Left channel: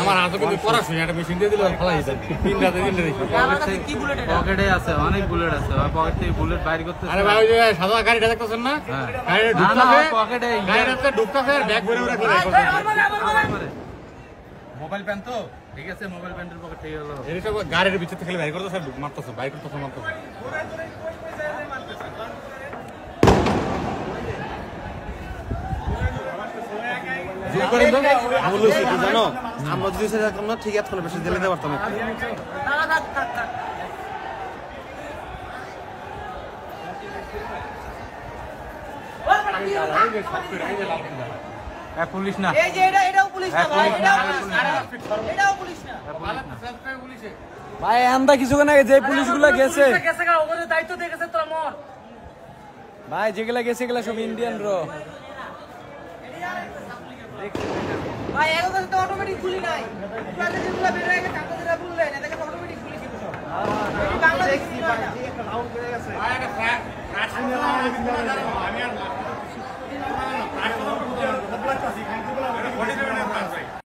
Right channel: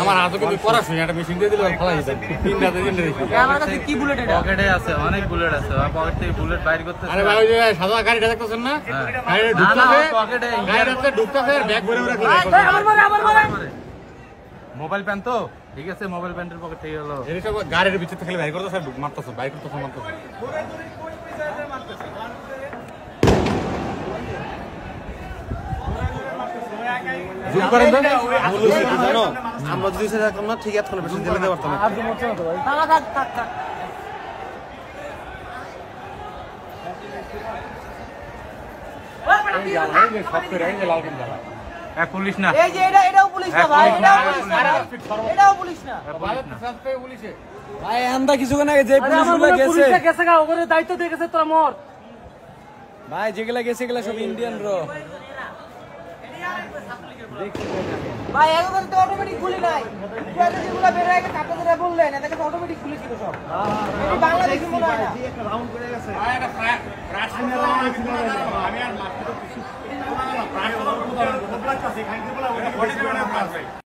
আমার হাতে কিন্তু পড়াশোনা একটা মেশিন দিয়ে দিলে ভালো হইতো। তিন রাতে দিন দেখি। আমার কাছে কি বুলেট এটা? পকেটে আছে, অনেক বুলেট আছে। পকেট থেকে বুলেট বাইর করতে। আরে ভাই ওই যে সাদা গাড়িটা দেখতেছেন না? গাড়িতে ঢুকতাছে, গাড়িতে ঢুকতাছে ব্যাগ ভরে ভরে রাখে। মোবাইল প্যান তো? ঠিক আছে, মোবাইল প্যান্টের পকেট থেকে হলো। এই সব গাড়ির ভিতর থেকে বাইর করতেছে, মারতেছে, বাইর করতেছে, মারতেছে। জানো আমরা যদি থাকতাম না ঠিক এতক্ষণ বেশি জেলে দিতে পারতাম না। পুলিশ না, এই যে এটাও পুলিশ না ভাই, এটাও পুলিশ না ভাই। আমরা কিছুক্ষণ আগে যে পুলিশগুলো গেছে ওদের দায়িত্ব দিয়ে গেছে তো আমার ভাই, যেগুলা গেছে এগুলা সব ইন্ডিয়ান র ভাই। এখন তো অটোমেটিক খুলি নাই, যেগুলো বের হয়ে গেছে আপনারা বললেন এটাকে অটোমেটিক খুলি ছিল সব। বাংলাদেশি মনে হয় না।